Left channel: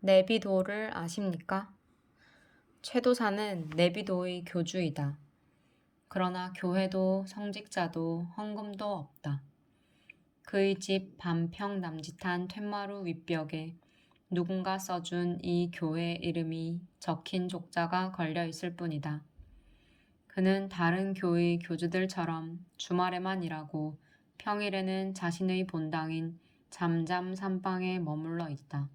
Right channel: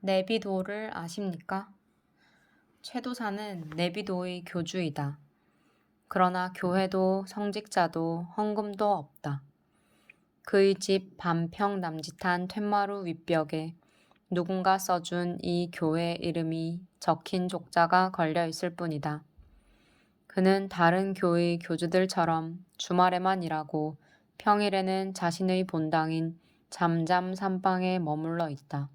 네비도를 아십니까? 최도사는 네비도의 교주이다. 그러나 교회도 성직자도 헌금도 없다. 그의 집 반평 남짓한 툇마루 윗벽에 누군가 써준 이 교회 이름이 적힌 족자가 걸려 있을 뿐이다. 그는 다른 교의 교주들처럼 주말에만 일하고 평일에는 자신의 본당인 잠잠 산방에 머물러 있다.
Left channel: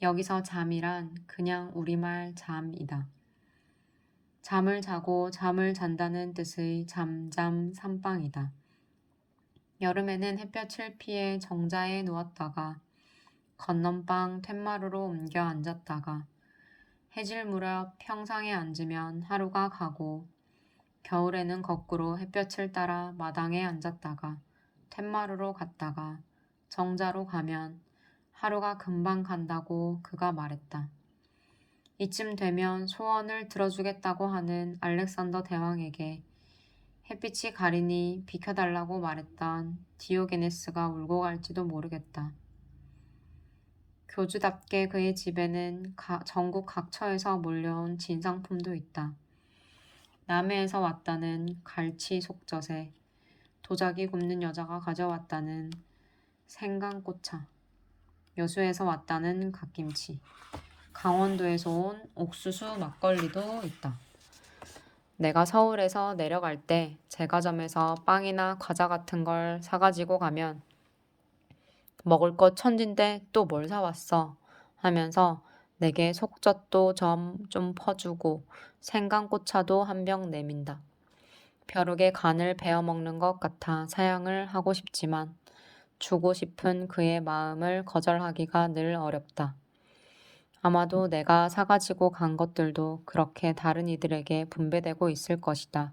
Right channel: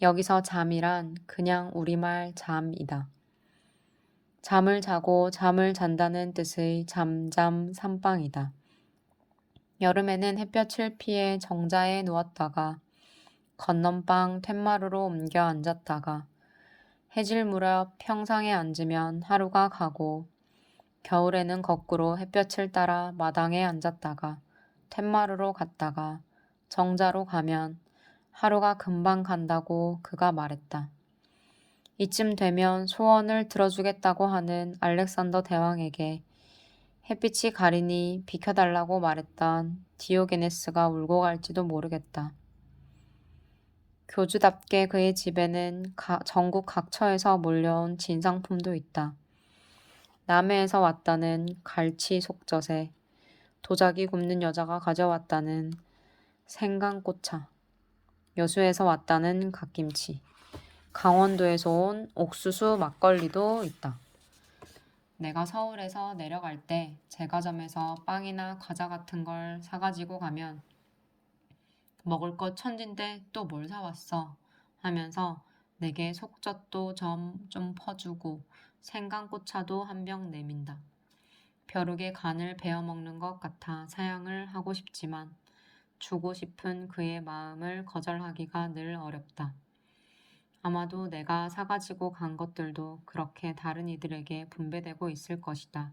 여기서 잠이란 그냥 우리말 잠이다. 잠을 자고 잠을 잔다는 뜻의 잠잠 산방이다. 여름에는 햇볕을 피해 정자에 누웠다가 건넌방 툇마루로 옮겨 앉았다가 해질 무렵 평상에 앉으면 하루가 가고 겨울에는 거꾸로 햇볕을 따라 마당에 앉았다가 툇마루로 갔다가 정자로 가면 하루가 금방 간다고 그가 말했다. 이쯤 되면 소원을 들어주겠다고 하는 알렉산더 대왕에게 햇빛이 가리니 비켜달라고 말했던 디오게네스가 울고 갈지도 모르겠다. 교주답게 그의 집에는 전국 각처에서 몰려온 진상품도 있다. 남해에서 왔다는 갈치 속젓에, 도자기 굽는 여자가 가져왔다는 생강꼬차, 여수에서 왔다는 갓김치, 강원도에서 온 옥수수 막걸리도 있다. 내가 서울에서 내려갈 때 제과점에서 빵이나 과자 같은 걸 사가지고 가면 먹을 것 천진데 또 뭘 사왔어 하면서 내게 속젓도 좀 퍼주고 생강꼬차도 한 병 내민다. 벼룩에 간을 베어 먹는 것 같아 사양을 하고 싶지만 주고 싶은 그의 마음을 거절하기가 늘 어렵다. 아마도 내가 사가지고 간 것들도 그렇게 다른 이들에게 분배되고 있을 것이다.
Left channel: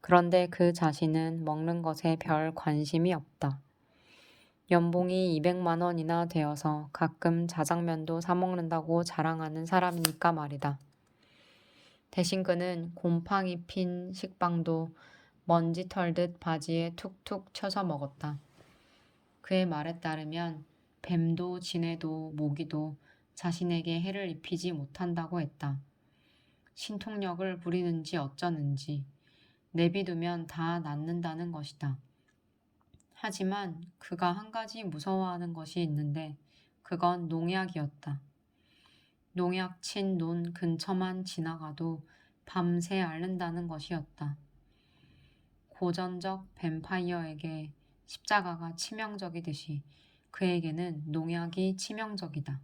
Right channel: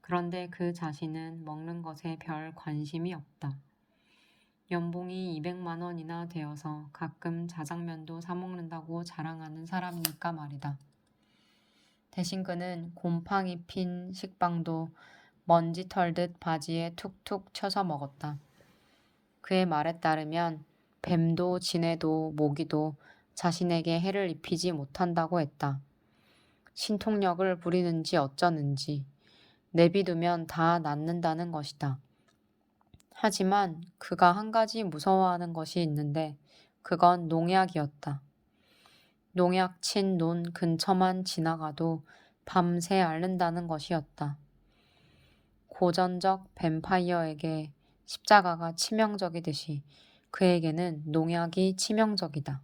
그런데 그 자신은 먹는 것에 별 관심이 없다. 연봉이 200만 원이나 되어서 가끔 자장면도 사 먹는다고 자랑하는 사람이니까 말이다. 대신 그는 곰팡이 핀 식빵도 먼지 털듯 바지에 툭툭 쳐서 먹었다. 그의 말에 따르면 뱀도 지네도 모기도 자신에게 해를 입히지 못한다고 했다. 신통력을 부리는지 어쩌는지 내비두면 다 낫는다는 것이다. 하지만 그가 한 가지 무서워하는 것이 있는데 그건 농약이었다. 농약 친 논 근처만 지나가도 밤새 앓는다는 것이었다. 고전적 뱀파이어에게 십자가가 치명적이듯이 그에게는 농약이 치명적이다.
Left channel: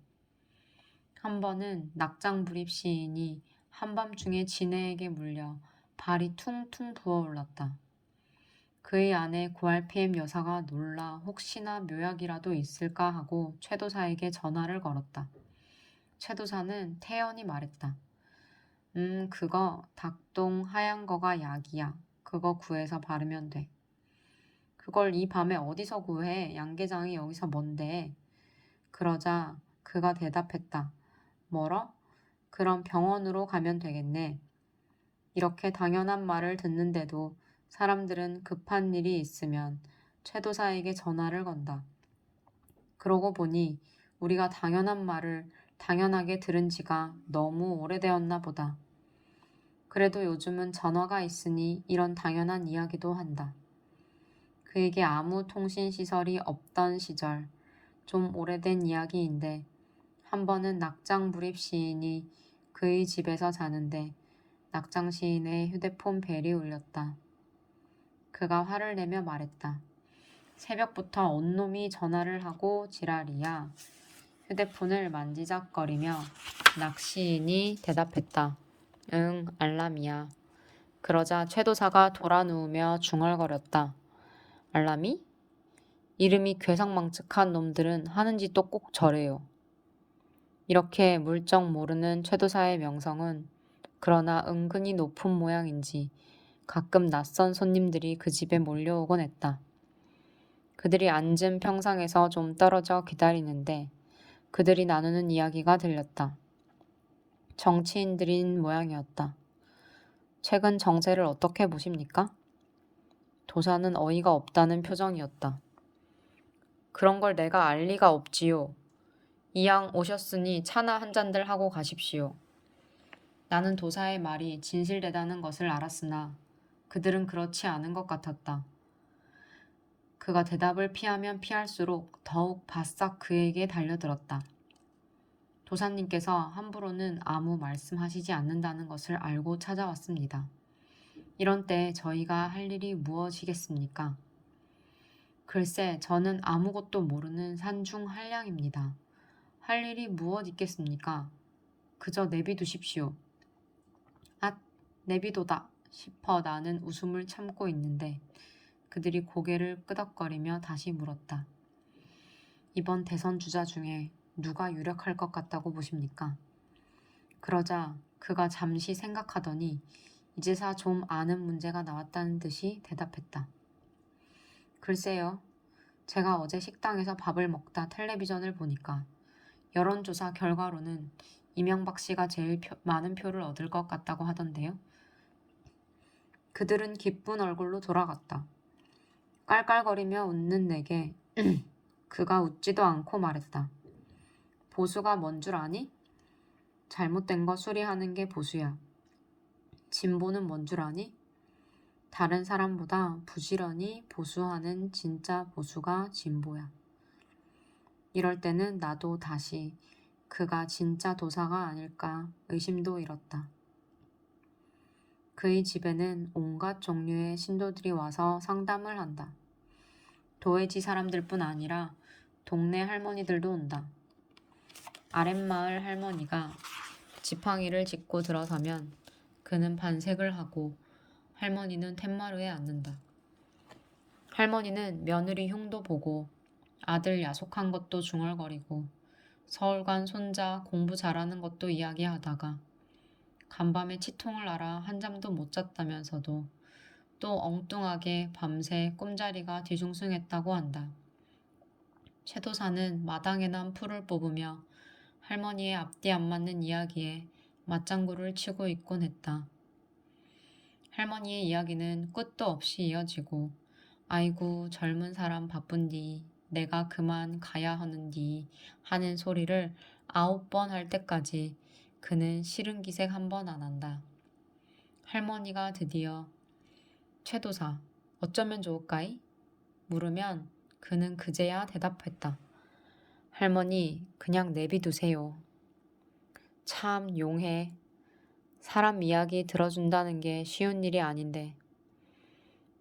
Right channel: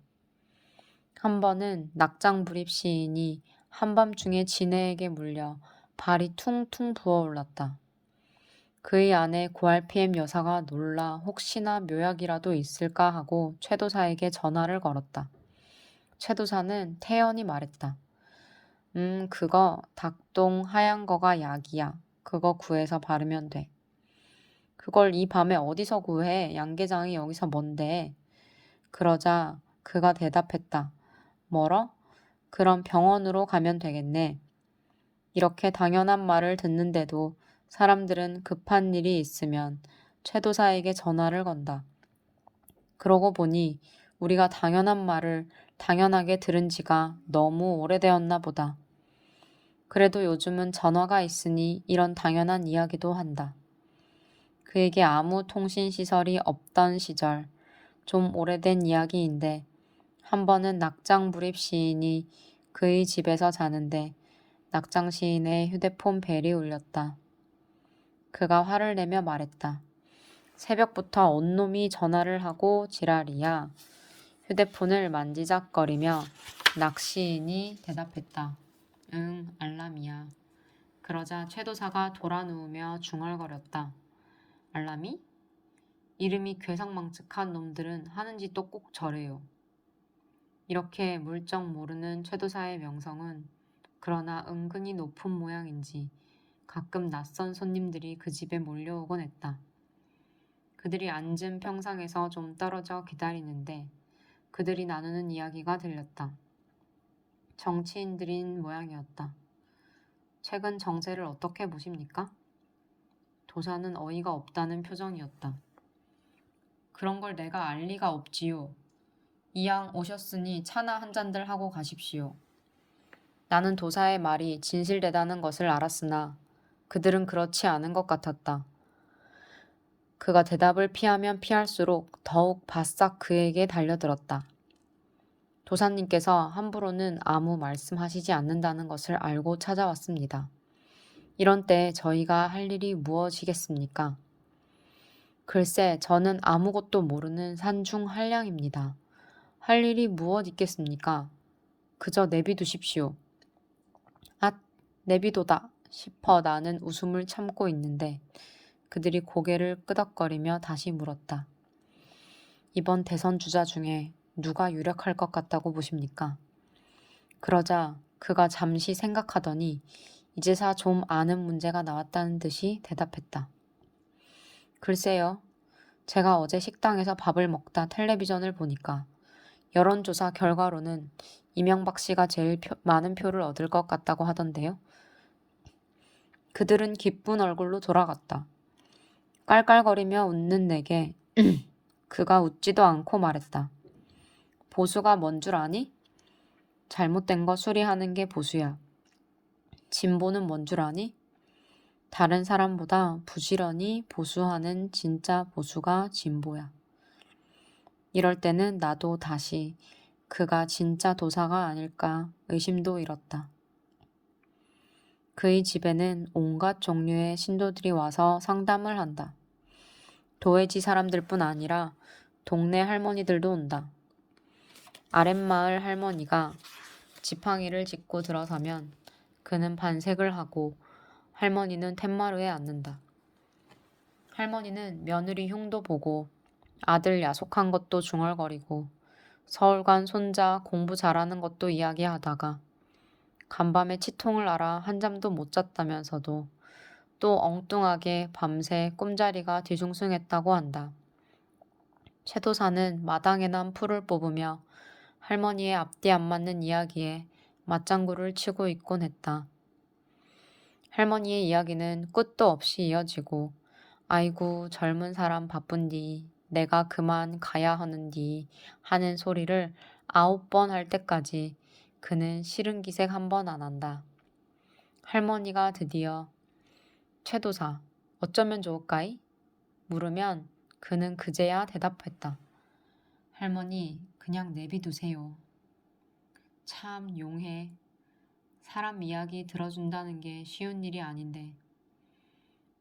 한 번은 낙장불입 시인이 한밤중에 지네에게 물려 발이 퉁퉁 부어올랐다. 그의 아내 고알피엠 여사가 놀라 혹시나 묘약이라도 있을까 하고 최도사에게 전화를 걸었다. 최도사는 태연히 말했다. 그거 닭똥 하얀 거가 약이야. 그거 구해서 바르면 돼. 그걸 이 밤에 어디서 구해? 양계장이 여기서 뭔데? 그러자 그가 대답했다. 뭐러? 그럼 병원으로 가면 되겠네. 이렇게 당연한 말을 듣는데도 사람들은 급한 일이 있으면 최도사에게 전화를 건다. 그러고 보니 우리가 당연한 말을 당연하게 들은 지가 너무 오래되었나 보다. 그래도 요즘은 전화가 있으니 이런 당연한 이야기도 한다. 그에게 아무 통신시설이 없던 시절, 좀 오래된 이야기인데 한 번은 낙장불입 시인이 그의 집에서 자는데 낙장 시인의 휴대폰 벨이 울렸다. 그가 화를 내며 말했다. 새벽부터 온놈이 전화를 하고 지랄이야. 휴대폰을 만지작거리며 낙 시인이 대답했다. 응, 알람이야. 그러자 최도사가 돌아 누우며 중얼거렸다. 알람이? 이름이 괴상망측한 놈들은 하는 짓도 꼭 저래요. 이렇게 물정 모르는 최도사의 명성은 그러나 은근히 높은 모양인지 가끔 낯선 손님들이 그 집에 몰려오곤 했다. 그들이 앉은 평상에서 좀 떨어져 기다리는데 그들이 나누는 이야기가 들렸다. 정치인들인 모양이었다. 최근 정세를 어떻게 보십니까? 도사는 어이가 없다는 표정이었다. 그런 걸 내가 알 리가 없지요. 이왕 오셨으니 차나 한 잔들 하고 가십시오. 나는 도사의 말이 진실되다는 것을 알았으나 그들은 그렇지 않은 것 같았다. 그가 대답을 피하면 피할수록 더욱 바싹 그에게 달려들었다. 도사님께서 함부로는 아무 말씀하시지 않는다는 것을 알고 찾아왔습니다. 이런 때 저희가 할 일이 무엇이겠습니까? 글쎄, 저는 아무것도 모르는 산중 한량입니다. 할 일이 무엇 있겠습니까? 그저 내비두십시오. 앗, 내비도다 싶어 나는 웃음을 참고 있는데 그들이 고개를 끄덕거리며 다시 물었다. 이번 대선 주자 중에 누가 유력할 것 같다고 보십니까? 그러자 그가 잠시 생각하더니 이제사 좀 아는 문제가 나왔다는 듯이 대답했다. 글쎄요. 제가 어제 식당에서 밥을 먹다 텔레비전을 보니까 여론조사 결과로는 이명박 씨가 제일 많은 표를 얻을 것 같다고 하던데요. 그들은 기쁜 얼굴로 돌아갔다. 깔깔거리며 웃는 내게 그가 웃지도 않고 말했다. 보수가 뭔 줄 아니? 잘못된 거 수리하는 게 보수야. 진보는 뭔 줄 아니? 다른 사람보다 부지런히 보수하는 진짜 보수가 진보야. 이럴 때는 나도 다시 그가 진짜 도사가 아닐까 의심도 일었다. 그의 집에는 온갖 종류의 신도들이 와서 상담을 한다. 도회지 사람들뿐 아니라 동네 할머니들도 온다. 아랫마을 할머니가 지팡이를 짚고 들어서면 그는 반색을 하고 할머니는 텐마루에 앉는다. 할머니는 며느리 흉도 보고 아들 야속한 것도 중얼거리고 서울 간 손자 공부 잘하는 것도 이야기하다가 간밤에 치통을 알아 한잠도 못 잤다면서도 또 엉뚱하게 밤새 꿈자리가 뒤숭숭했다고 한다. 최도사는 마당에 난 풀을 뽑으며 할머니의 앞뒤 안 맞는 이야기에 맞장구를 치고 있곤 했다. 할머니의 이야기는 끝도 없이 이어지고 아이고 젊은 사람 바쁜디 내가 그만 가야 하는디 하는 소리를 9번 할 때까지 그는 싫은 기색 한 번 안 한다. 할머니가 드디어 최도사 어쩌면 좋을까이? 물으면 그는 그제야 대답했다. 할머니 그냥 내비두세요. 참 용해. 사람 이야기 들어준다는 게 쉬운 일이 아닌데.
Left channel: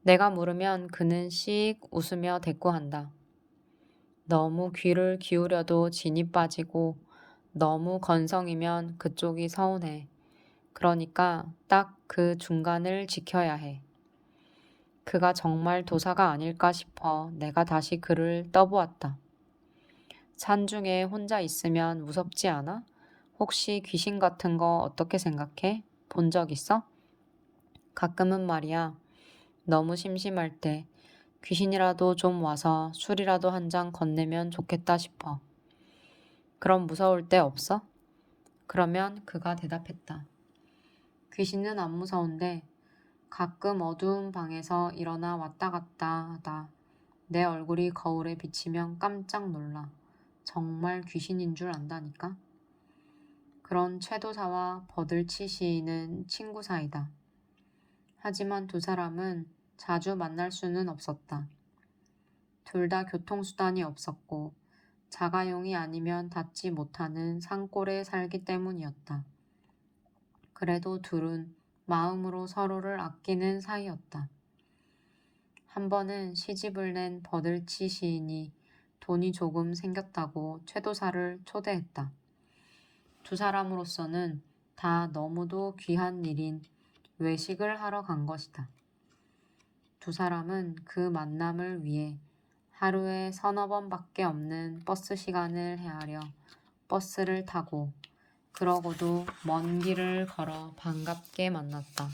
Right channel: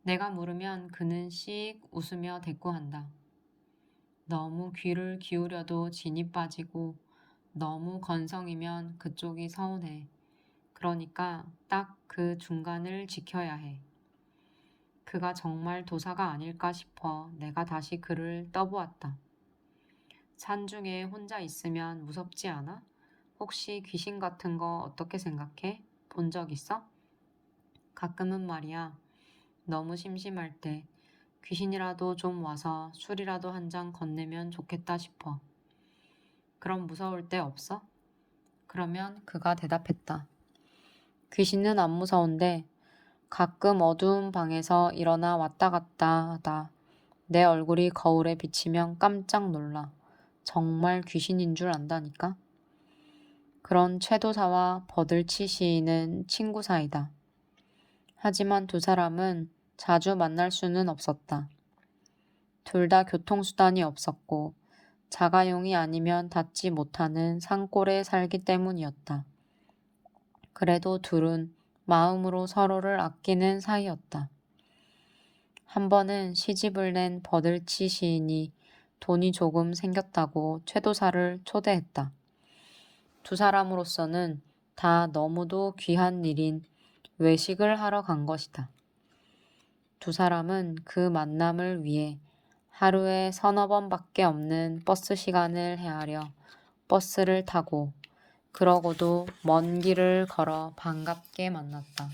내가 물으면 그는 씩 웃으며 대꾸한다. 너무 귀를 기울여도 진이 빠지고 너무 건성이면 그쪽이 서운해. 그러니까 딱 그 중간을 지켜야 해. 그가 정말 도사가 아닐까 싶어 내가 다시 그를 떠보았다. 산중에 혼자 있으면 무섭지 않아? 혹시 귀신 같은 거 어떻게 생각해? 본 적 있어? 가끔은 말이야. 너무 심심할 때 귀신이라도 좀 와서 술이라도 한 잔 건네면 좋겠다 싶어. 그럼 무서울 때 없어? 그러면 그가 대답했다. 귀신은 안 무서운데 가끔 어두운 방에서 일어나 왔다 갔다 하다 내 얼굴이 거울에 비치면 깜짝 놀라. 정말 귀신인 줄 안다니까? 그런 최도사와 버들치 시인은 친구 사이다. 하지만 두 사람은 자주 만날 수는 없었다. 둘 다 교통수단이 없었고 자가용이 아니면 닿지 못하는 산골에 살기 때문이었다. 그래도 둘은 마음으로 서로를 아끼는 사이였다. 한 번은 시집을 낸 버들치 시인이 돈이 조금 생겼다고 최도사를 초대했다. 두 사람으로서는 다 너무도 귀한 일인 외식을 하러 간 것이다. 두 사람은 그 만남을 위해 하루에 서너 번밖에 없는 버스 시간을 헤아려 버스를 타고 그러고도 먼 길을 걸어 반갑게 만났다.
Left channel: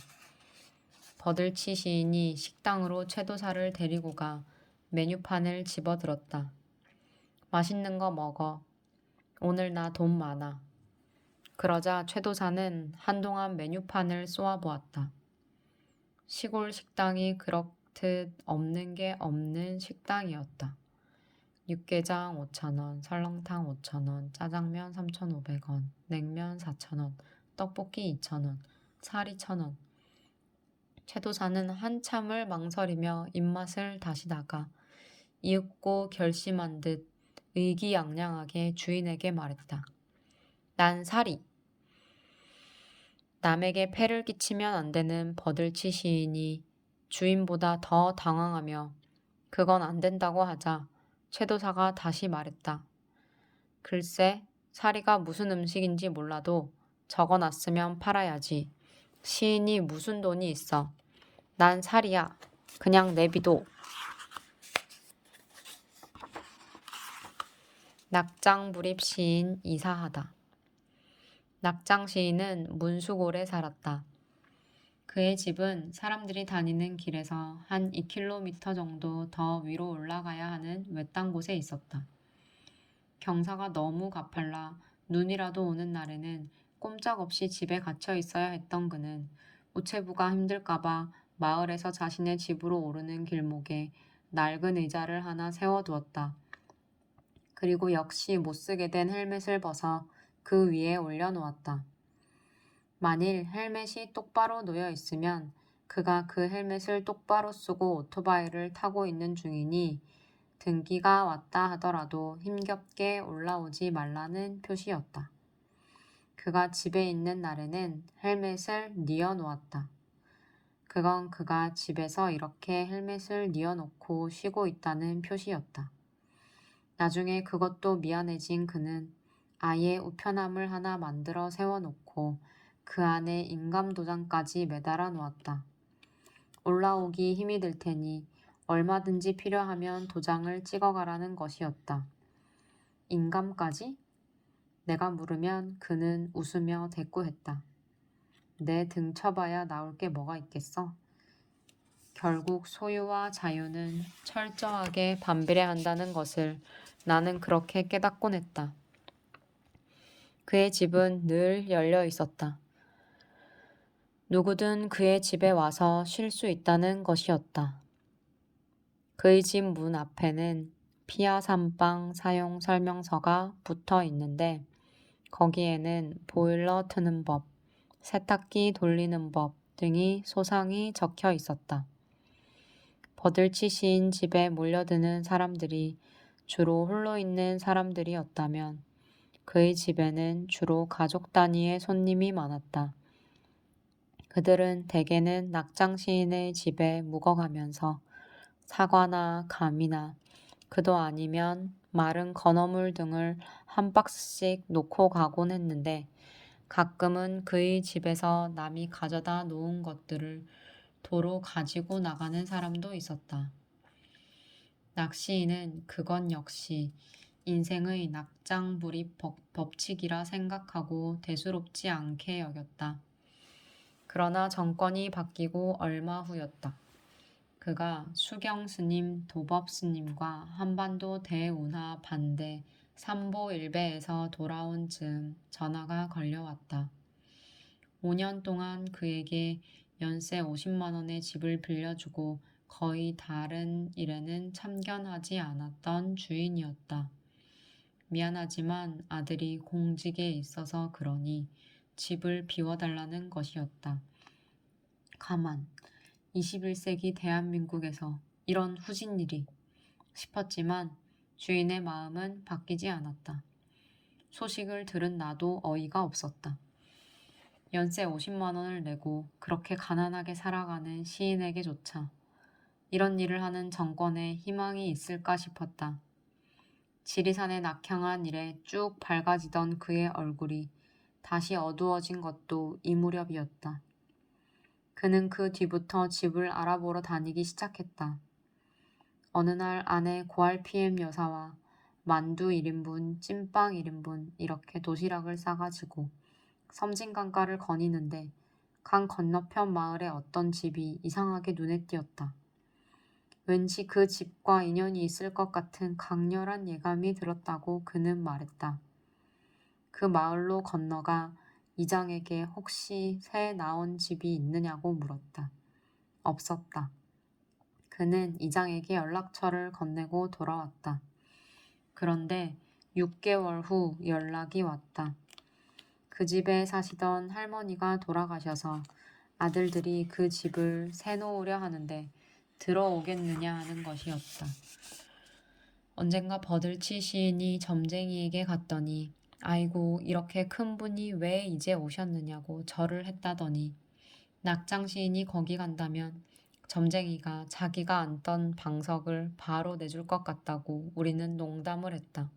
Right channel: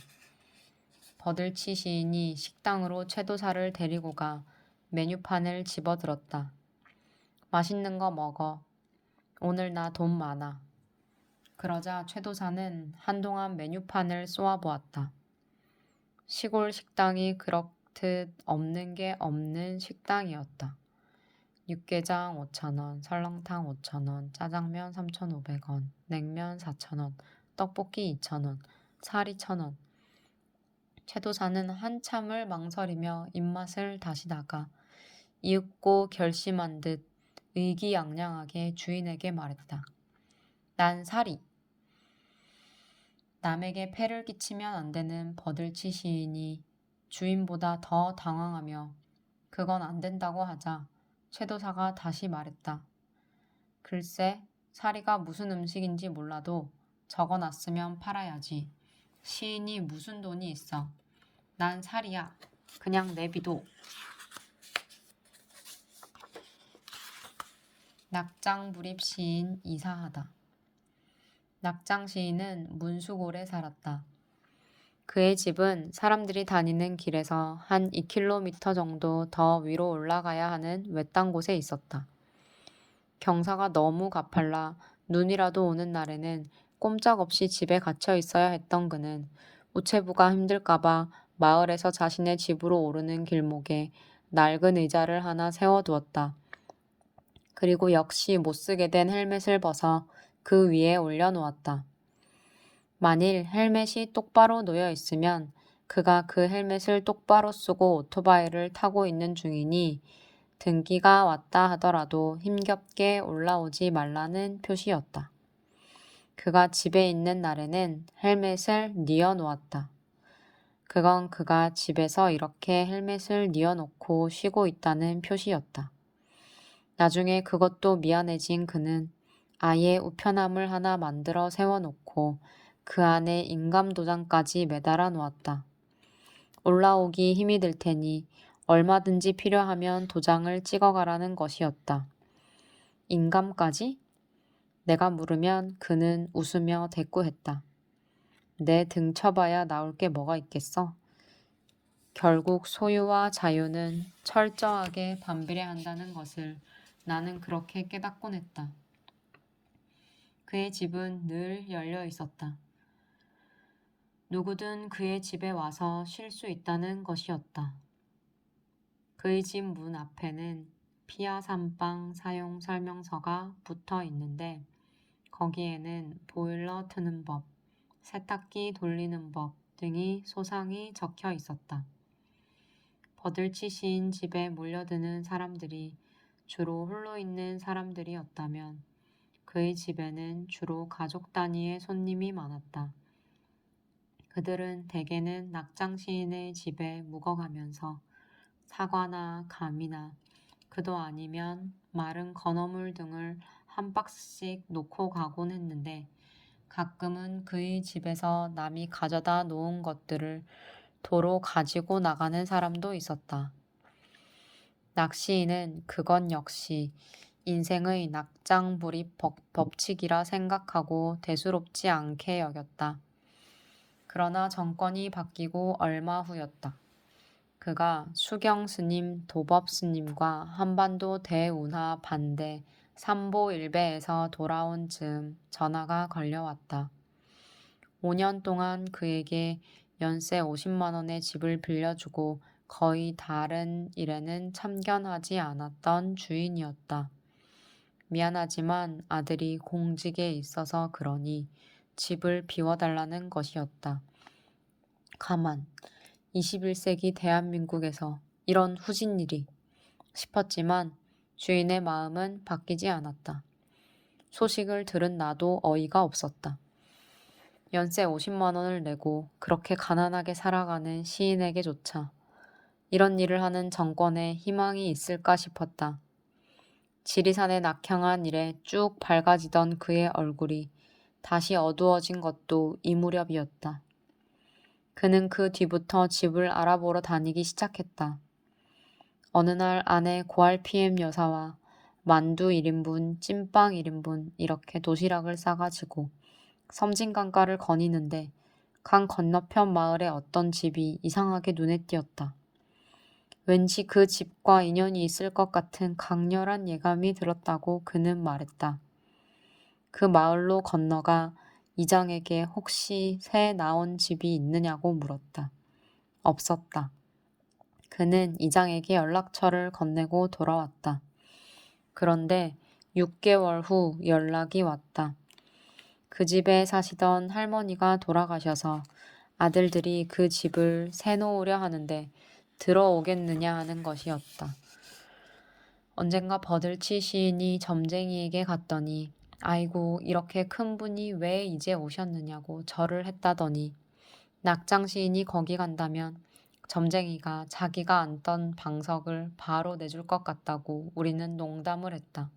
버들치 시인이 식당으로 최도사를 데리고 가 메뉴판을 집어들었다. 맛있는 거 먹어. 오늘 나 돈 많아. 그러자 최도사는 한동안 메뉴판을 쏘아보았다. 시골 식당이 그렇듯 없는 게 없는 식당이었다. 육개장 5,000원, 설렁탕 5,000원, 짜장면 3,500원, 냉면 4,000원, 떡볶이 2,000원, 사리 1,000원. 최도사는 한참을 망설이며 입맛을 다시다가 이윽고 결심한 듯 의기양양하게 주인에게 말했다. 난 사리. 남에게 폐를 끼치면 안 되는 버들치 시인이 주인보다 더 당황하며 그건 안 된다고 하자 최도사가 다시 말했다. 글쎄, 사리가 무슨 음식인지 몰라도 적어놨으면 팔아야지. 시인이 무슨 돈이 있어. 난 사리야. 그냥 내비도. 낙장불입 시인 이사하다. 낙장 시인은 문수골에 살았다. 그의 집은 사람들이 다니는 길에서 한 2km 정도 더 위로 올라가야 하는 외딴 곳에 있었다. 경사가 너무 가팔라 눈이라도 오는 날에는 꼼짝없이 집에 갇혀 있어야 했던 그는 우체부가 힘들까봐 마을에서 자신의 집으로 오르는 길목에 낡은 의자를 하나 세워두었다. 그리고 역시 못쓰게 된 헬멧을 벗어 그 위에 올려놓았다. 만일 헬멧이 똑바로 놓여 있으면 그가 그 헬멧을 똑바로 쓰고 오토바이를 타고 있는 중이니 등기가 왔다 하더라도 힘겹게 올라오지 말라는 표시였다. 그가 집에 있는 날에는 헬멧을 뉘어 놓았다. 그건 그가 집에서 이렇게 헬멧을 뉘어 놓고 쉬고 있다는 표시였다. 나중에 그것도 미안해진 그는 아예 우편함을 하나 만들어 세워놓고 그 안에 인감도장까지 매달아 놓았다. 올라오기 힘이 들 테니 얼마든지 필요하면 도장을 찍어가라는 것이었다. 인감까지? 내가 물으면 그는 웃으며 대꾸했다. 내 등 쳐봐야 나올 게 뭐가 있겠어? 결국 소유와 자유는 철저하게 반비례한다는 것을 나는 그렇게 깨닫곤 했다. 그의 집은 늘 열려 있었다. 누구든 그의 집에 와서 쉴 수 있다는 것이었다. 그의 집 문 앞에는 피아 삼방 사용 설명서가 붙어 있는데 거기에는 보일러 트는 법, 세탁기 돌리는 법 등이 소상히 적혀 있었다. 버들치 시인 집에 몰려드는 사람들이 주로 홀로 있는 사람들이었다면 그의 집에는 주로 가족 단위의 손님이 많았다. 그들은 대개는 낙장 시인의 집에 묵어가면서 사과나 감이나 그도 아니면 마른 건어물 등을 한 박스씩 놓고 가곤 했는데 가끔은 그의 집에서 남이 가져다 놓은 것들을 도로 가지고 나가는 사람도 있었다. 낙시인은 그건 역시 인생의 낙장불입 법칙이라 생각하고 대수롭지 않게 여겼다. 그러나 정권이 바뀌고 얼마 후였다. 그가 수경스님, 도법스님과 한반도 대운하 반대 삼보일배에서 돌아온 즈음 전화가 걸려왔다. 5년 동안 그에게 연세 50만 원의 집을 빌려주고 거의 다른 일에는 참견하지 않았던 주인이었다. 미안하지만 아들이 공직에 있어서 그러니 집을 비워달라는 것이었다. 가만, 21세기 대한민국에서 이런 후진 일이 싶었지만 주인의 마음은 바뀌지 않았다. 소식을 들은 나도 어이가 없었다. 연세 50만 원을 내고 그렇게 가난하게 살아가는 시인에게조차 이런 일을 하는 정권에 희망이 있을까 싶었다. 지리산의 낙향한 일에 쭉 밝아지던 그의 얼굴이 다시 어두워진 것도 이 무렵이었다. 그는 그 뒤부터 집을 알아보러 다니기 시작했다. 어느 날 아내 고알피엠 여사와 만두 1인분, 찐빵 1인분 이렇게 도시락을 싸가지고 섬진강가를 거니는데 강 건너편 마을의 어떤 집이 이상하게 눈에 띄었다. 왠지 그 집과 인연이 있을 것 같은 강렬한 예감이 들었다고 그는 말했다. 그 마을로 건너가 이장에게 혹시 새 나온 집이 있느냐고 물었다. 없었다. 그는 이장에게 연락처를 건네고 돌아왔다. 그런데 6개월 후 연락이 왔다. 그 집에 사시던 할머니가 돌아가셔서 아들들이 그 집을 새놓으려 하는데 들어오겠느냐 하는 것이었다. 언젠가 버들치 시인이 점쟁이에게 갔더니 아이고 이렇게 큰 분이 왜 이제 오셨느냐고 절을 했다더니 낙장 시인이 거기 간다면 점쟁이가 자기가 앉던 방석을 바로 내줄 것 같다고 우리는 농담을 했다.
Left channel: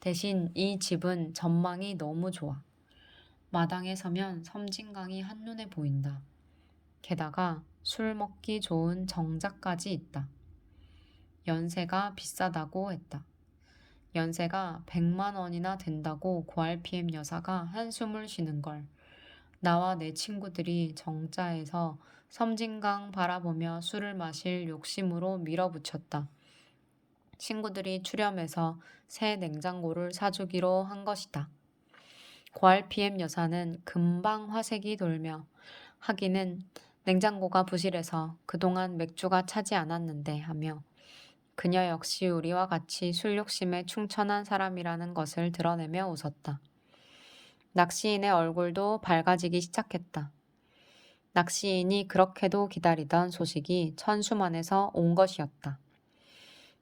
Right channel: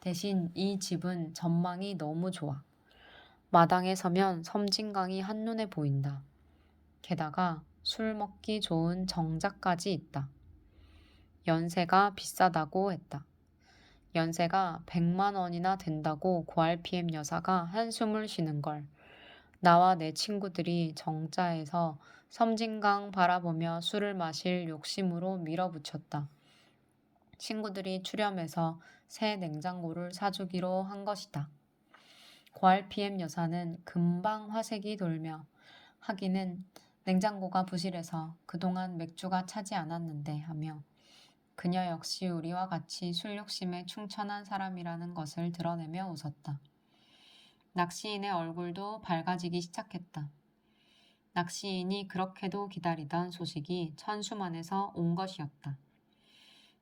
대신 이 집은 전망이 너무 좋아. 마당에 서면 섬진강이 한눈에 보인다. 게다가 술 먹기 좋은 정자까지 있다. 연세가 비싸다고 했다. 연세가 100만 원이나 된다고 고RPM 여사가 한숨을 쉬는 걸 나와 내 친구들이 정자에서 섬진강 바라보며 술을 마실 욕심으로 밀어붙였다. 친구들이 출연해서 새 냉장고를 사주기로 한 것이다. 고RPM 여사는 금방 화색이 돌며 하기는 냉장고가 부실해서 그동안 맥주가 차지 않았는데 하며 그녀 역시 우리와 같이 술 욕심에 충천한 사람이라는 것을 드러내며 웃었다. 낚시인의 얼굴도 밝아지기 시작했다. 낚시인이 그렇게도 기다리던 소식이 천수만에서 온 것이었다.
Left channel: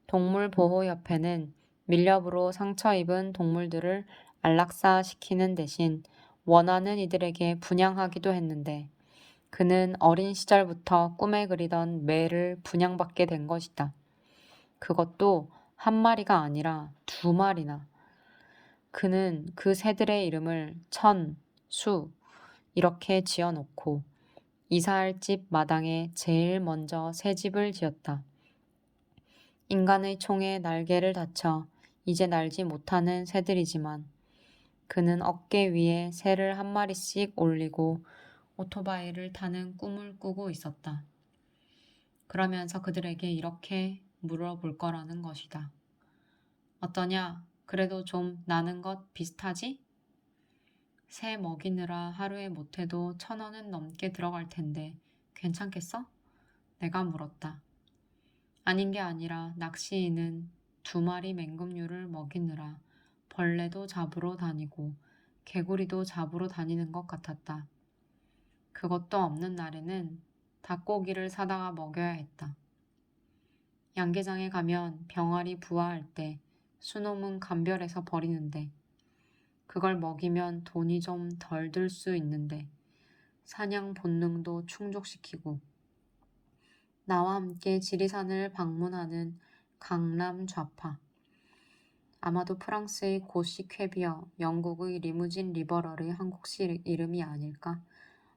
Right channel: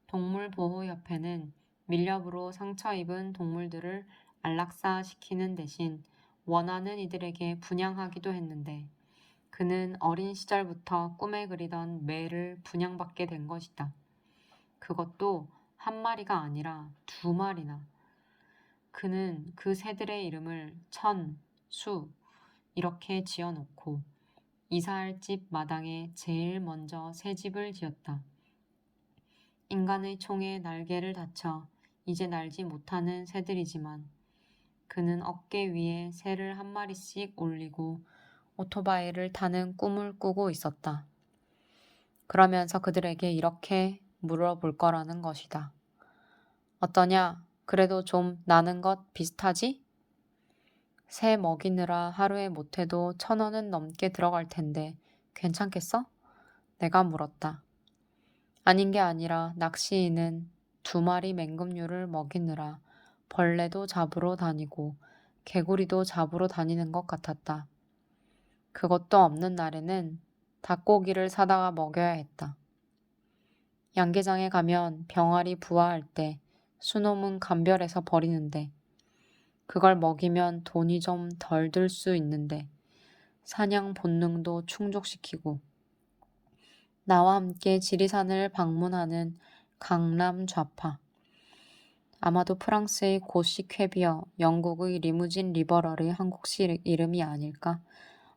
동물보호협회는 밀렵으로 상처 입은 동물들을 안락사시키는 대신 원하는 이들에게 분양하기도 했는데 그는 어린 시절부터 꿈에 그리던 매를 분양받게 된 것이다. 그것도 한 마리가 아니라 2마리나. 그는 그 새들의 이름을 천, 수 이렇게 지어놓고 이사할 집 마당에 제일 먼저 새 집을 지었다. 인간의 총에 날개를 다쳐 이제 날지 못하는 새들이지만 그는 어깨 위에 새를 한 마리씩 올리고 오토바이를 타는 꿈을 꾸고 있었다. 그러면서 그들에게 이렇게 물어볼 거라는 것이다. 어떠냐? 그래도 좀 나는 것 비슷하지? 새 먹이느라 하루에 못해도 1,000원은 넘게 들어갈 텐데 괜찮겠어? 내가 물었다. 아닌 게 아니라 낚시인은 2마리 맹금류를 먹이느라 벌레도 잡으러 다니고 개구리도 잡으러 다니는 것 같았다. 그것도 없는 날에는 닭고기를 사다가 먹여야 했다. 양계장에 가면 병아리 부화할 때 수놈은 감별해서 버리는데 그걸 먹이면 돈이 좀 덜 들 수 있는데 사냥 본능도 충족시키고 나와 함께 지리산을 방문하는 강남 좌파. 아마도 프랑스의 고시 쾌비어, 영국의 리무진 리버럴의 한국식 이름이 아닐까?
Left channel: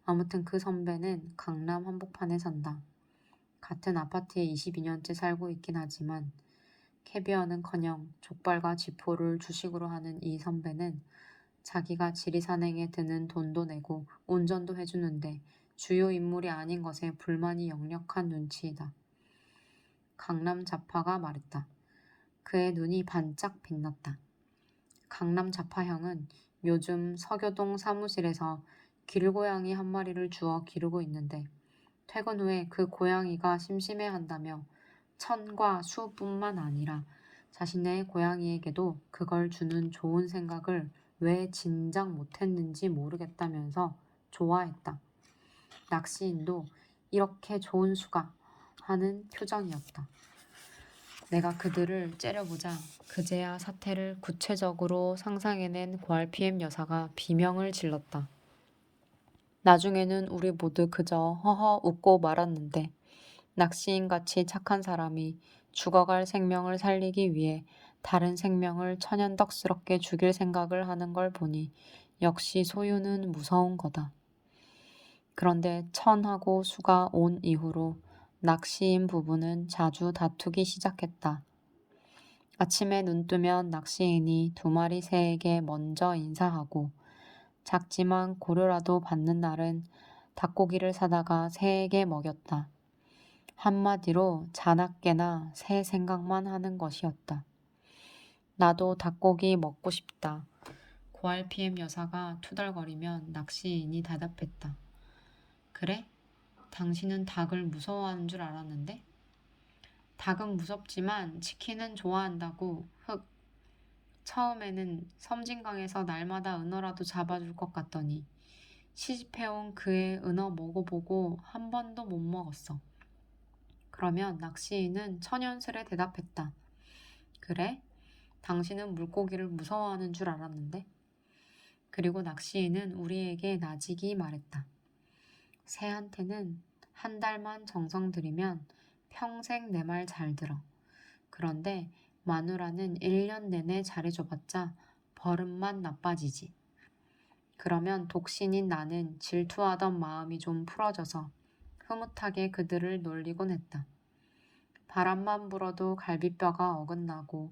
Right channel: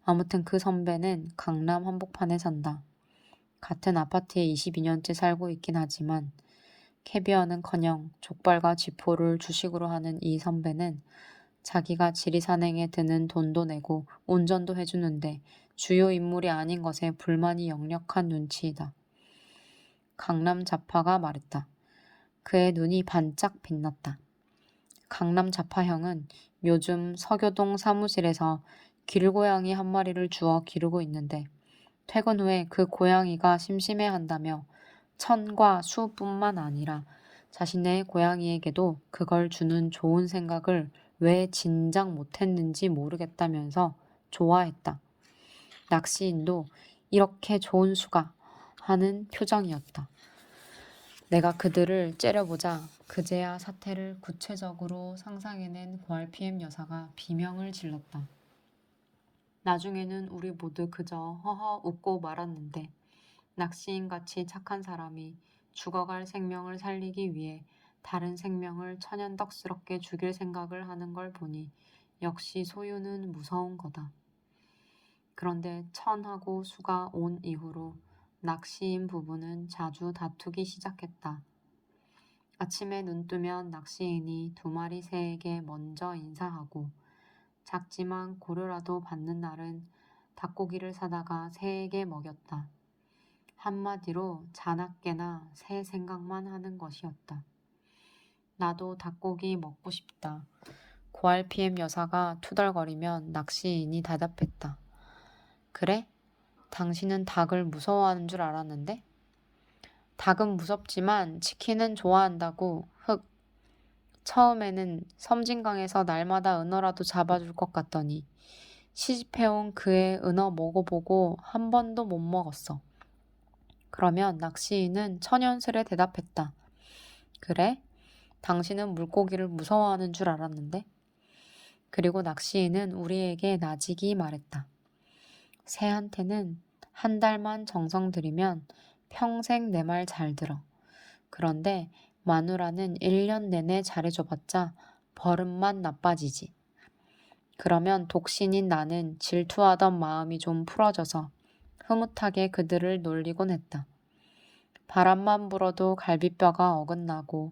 아무튼 그 선배는 강남 한복판에 산다. 같은 아파트에 22년째 살고 있긴 하지만 캐비어는커녕 족발과 쥐포를 주식으로 하는 이 선배는 자기가 지리산행에 드는 돈도 내고 운전도 해주는데 주요 인물이 아닌 것에 불만이 역력한 눈치이다. 강남 좌파가 말했다. 그의 눈이 반짝 빛났다. 강남 좌파형은 요즘 서교동 사무실에서 길고양이 한 마리를 주워 기르고 있는데 퇴근 후에 그 고양이가 심심해한다며 천과 수뿐만 아니라 자신의 고양이에게도 그걸 주는 좋은 생각을 왜 진작 못했는지 모르겠다면서 좋아했다. 낚시인도 이렇게 좋은 수가 하는 표정이었다. 내가 그들을 째려보자 그제야 사태를 구체적으로 상상해낸 고RPM 여사가 비명을 질렀다. 나중에는 우리 모두 그저 허허 웃고 말았는데 낚시인같이 착한 사람이 죽어갈 생명을 살리기 위해 다른 생명을 천연덕스럽게 죽일 생각을 하는 걸 보니 역시 소유는 무서운 거다. 그런데 천하고 수가 온 이후로 낚시인 부부는 자주 다투기 시작했다. 아침에 눈 뜨면 낚시인이 2마리 새에게 먼저 인사하고 작지만 고료라도 받는 날은 닭고기를 사다가 새에게 먹였다. 한마디로 자나깨나 새 생각만 하는 것이었다. 나도 닭고기 먹고 싶다. 고RPM 여사가 투덜거리면 낚시인이 대답했다. 그래? 당신은 닭을 무서워하는 줄 알았는데? 닭은 무섭지만 치킨은 좋아한다고 처음에는 섬진강에서 날마다 은어라도 잡아줄 것 같더니 시집해온 그의 은어 먹어보고 한 번도 못 먹었어. 그러면 낚시인은 천연스레 대답했다. 그래? 당신은 물고기를 무서워하는 줄 알았는데? 그리고 낚시인은 우리에게 나직이 말했다. 새한테는 한 달만 정성 들이면 평생 내 말 잘 들어. 그런데 마누라는 1년 내내 잘해줘봤자 버릇만 나빠지지. 그러면 독신인 나는 질투하던 마음이 좀 풀어져서 흐뭇하게 그들을 놀리곤 했다. 바람만 불어도 갈비뼈가 어긋나고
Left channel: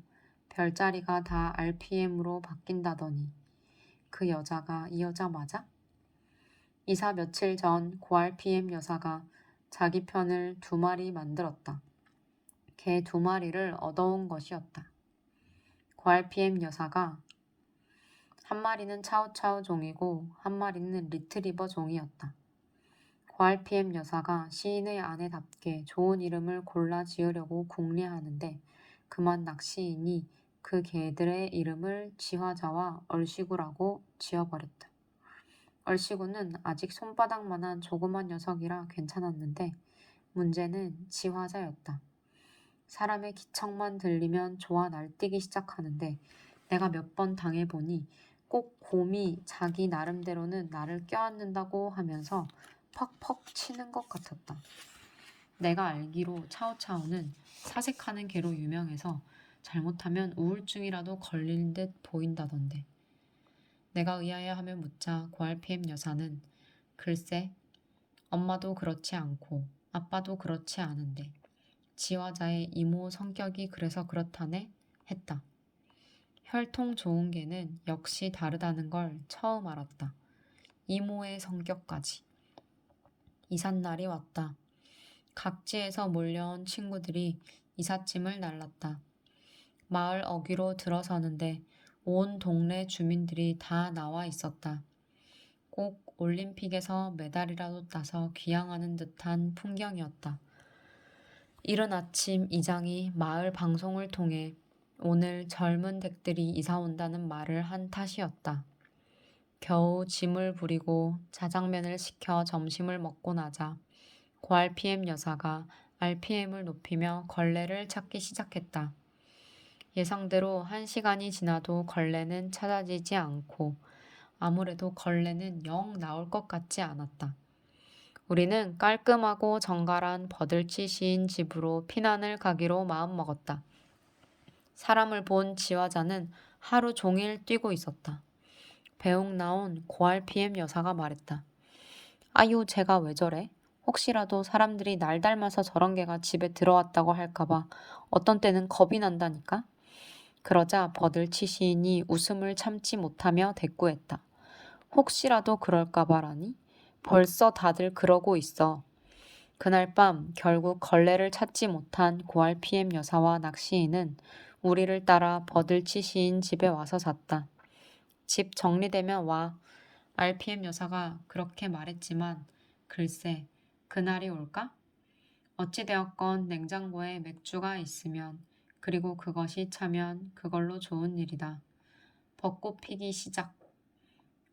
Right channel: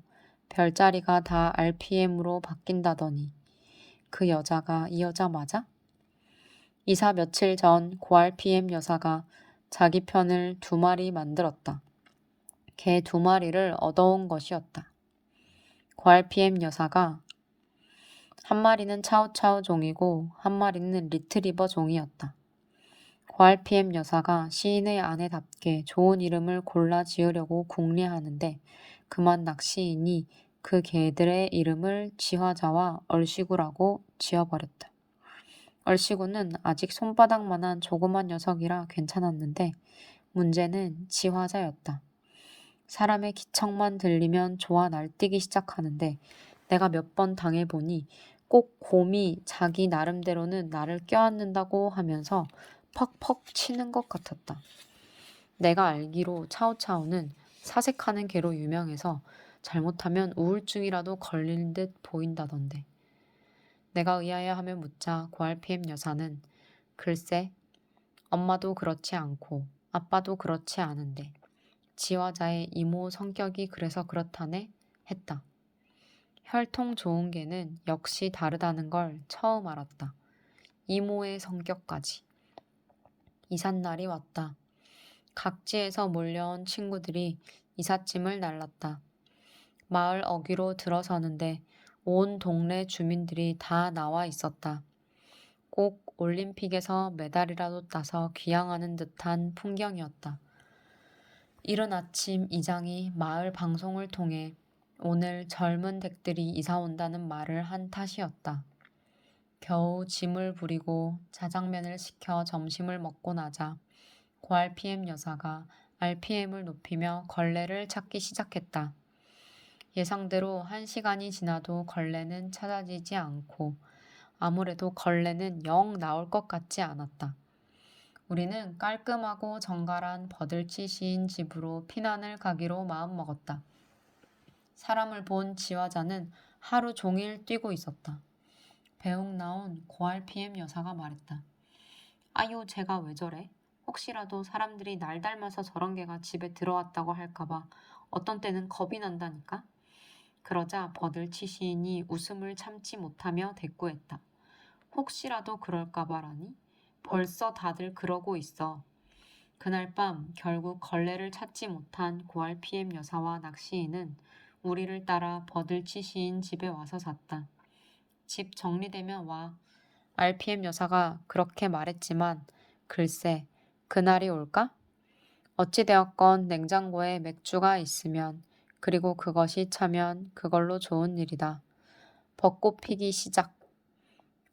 별자리가 다 RPM으로 바뀐다더니 그 여자가 이 여자 맞아? 이사 며칠 전 고RPM 여사가 자기 편을 2마리 만들었다. 개 2마리를 얻어온 것이었다. 고RPM 여사가 한 마리는 차우차우 종이고 한 마리는 리트리버 종이었다. 고RPM 여사가 시인의 아내답게 좋은 이름을 골라 지으려고 궁리하는데 그만 낚시인이 그 개들의 이름을 지화자와 얼씨구라고 지어버렸다. 얼씨구는 아직 손바닥만한 조그만 녀석이라 괜찮았는데 문제는 지화자였다. 사람의 기척만 들리면 좋아 날뛰기 시작하는데 내가 몇 번 당해보니 꼭 곰이 자기 나름대로는 나를 껴안는다고 하면서 퍽퍽 치는 것 같았다. 내가 알기로 차오차오는 사색하는 개로 유명해서 잘못하면 우울증이라도 걸릴 듯 보인다던데. 내가 의아해하며 묻자 고RPM 여사는 글쎄, 엄마도 그렇지 않고 아빠도 그렇지 않은데 지화자의 이모 성격이 그래서 그렇다네 했다. 혈통 좋은 개는 역시 다르다는 걸 처음 알았다. 이모의 성격까지. 이삿날이 왔다. 각지에서 몰려온 친구들이 이삿짐을 날랐다. 마을 어귀로 들어서는데 온 동네 주민들이 다 나와 있었다. 꼭 올림픽에서 메달이라도 따서 귀향하는 듯한 풍경이었다. 이른 아침 이장이 마을 방송을 통해 오늘 젊은 댁들이 이사 온다는 말을 한 탓이었다. 겨우 짐을 부리고 자장면을 시켜 점심을 먹고 나자 고RPM 여사가 RPM을 높이며 걸레를 찾기 시작했다. 예상대로 1시간이 지나도 걸레는 찾아지지 않고 아무래도 걸레는 영 나올 것 같지 않았다. 우리는 깔끔하고 정갈한 버들치 시인 집으로 피난을 가기로 마음먹었다. 사람을 본 지화자는 하루 종일 뛰고 있었다. 배웅 나온 고RPM 여사가 말했다. 아유, 제가 왜 저래? 혹시라도 사람들이 날 닮아서 저런 개가 집에 들어왔다고 할까봐 어떤 때는 겁이 난다니까? 그러자 버들치 시인이 웃음을 참지 못하며 대꾸했다. 혹시라도 그럴까봐라니? 벌써 다들 그러고 있어. 그날 밤 결국 걸레를 찾지 못한 고RPM 여사와 낚시인은 우리를 따라 버들치 시인 집에 와서 잤다. 집 정리되면 와. RPM 여사가 그렇게 말했지만 글쎄 그날이 올까? 어찌되었건 냉장고에 맥주가 있으면 그리고 그것이 차면 그걸로 좋은 일이다. 벚꽃 피기 시작.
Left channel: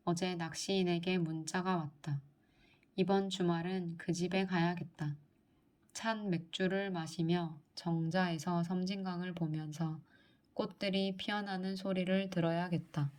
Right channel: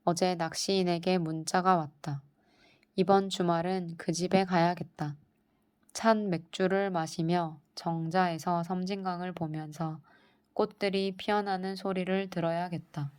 어제 낚시인에게 문자가 왔다. 이번 주말은 그 집에 가야겠다. 찬 맥주를 마시며 정자에서 섬진강을 보면서 꽃들이 피어나는 소리를 들어야겠다.